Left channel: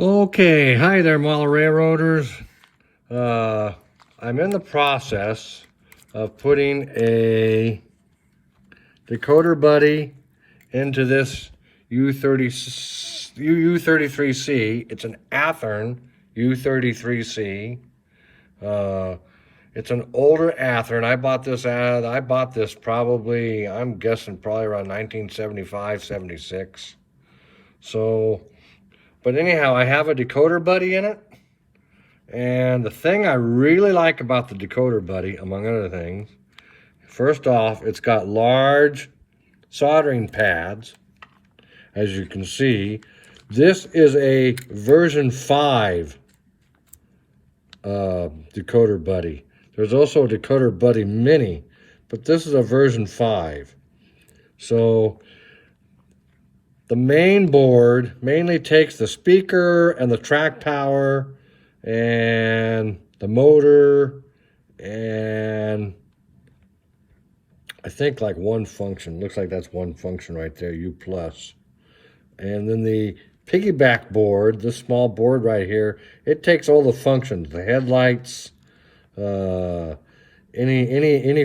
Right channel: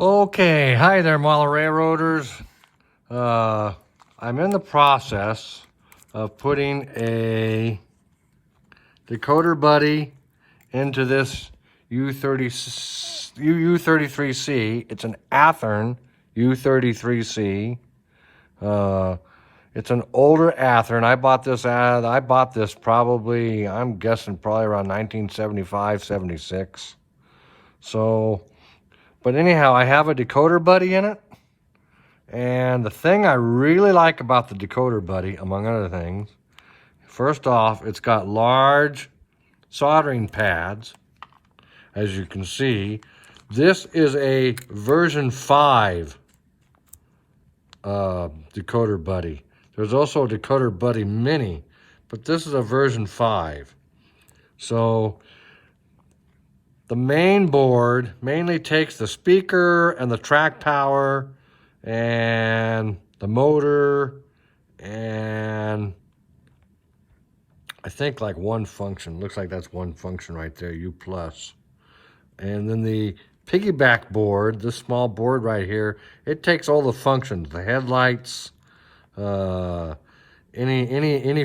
Okay, hi there, model railroaders. I'm in the process of putting a Decoder Buddy into this U33C. It's an Athearn U33C. It's an older Athearn. I bought this probably, I'm guessing probably around 1975, 76. So, but anyhow, I have a Decoder Buddy in it. And the thing I really like about the Decoder Buddy, among other things, first off, it's got large soldering pads, as you can see. This is a version 5 Decoder Buddy. There's also a Decoder Buddy Mini, but this is a version 5. So the main board mainly takes the speaker and the track tower and the motor and I think like one function. Looks like that's one function right there, U+. And then the piggyback board, this small board right here, it takes all the functions, the headlights, any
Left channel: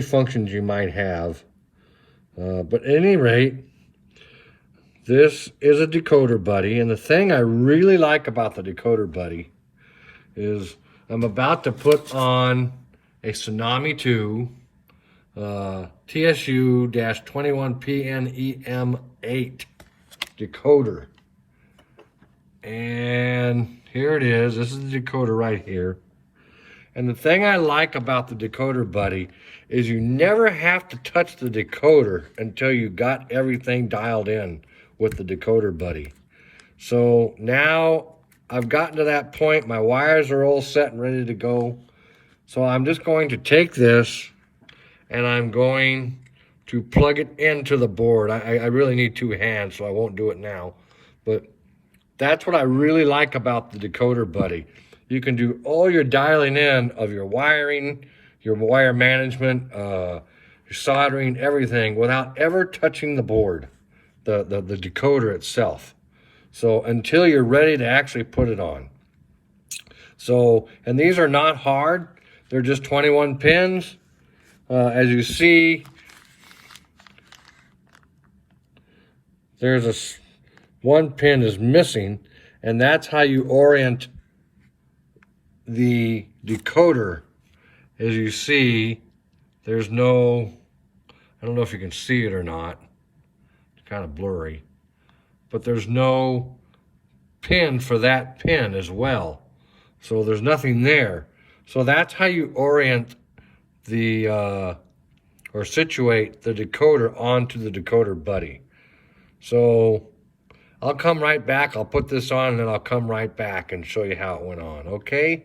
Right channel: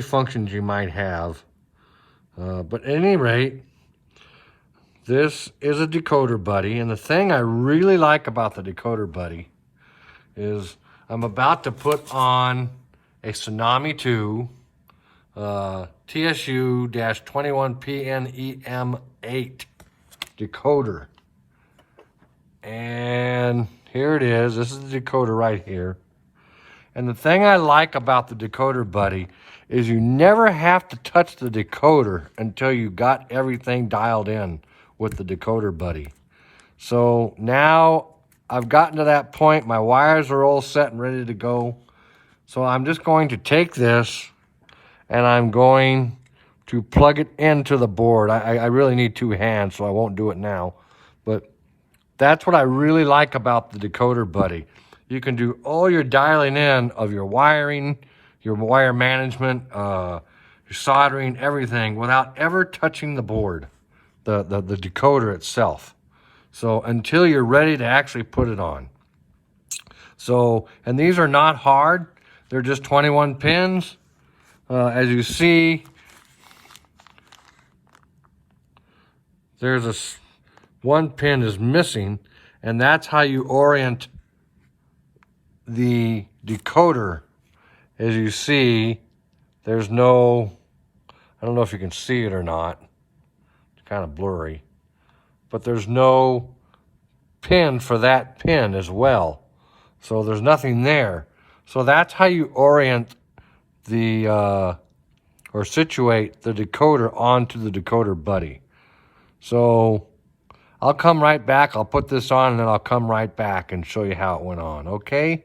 functions you might have. But at any rate, this is a Decoder Buddy, and the thing I really like about the Decoder Buddy is I'm about to put on a Tsunami 2 TSU-21PNEM8 decoder. And here it is. This is the decoder right here. And the thing I like about the Decoder Buddy is you never have to touch the decoder until you got everything dialed in with the Decoder Buddy. So now I've gotten to that point. My wires are all set and ready to go. So I'm just going to take this and I'm going to plug it into the board. I really need two hands, so I won't do it now. But that's what I really like about the Decoder Buddy. You can do all your dialing in of your wiring, your wire management, your soldering, everything without ever touching the board, the decoder itself. So until you're ready to actually put it on. So, and these are not hard. They're just 21 pins. As you see, there's one pin is missing, and that's how you orient the decoder. As you see, there's no, I don't know if you can see it or not. It's kind of blurry. But there's no pin for that pin as well. So there's nothing there. So that's how you orient the, or situate the decoder onto the Decoder Buddy. So I'll come right back. I'll put this on and then I'll come right back and show you how it went on, okay?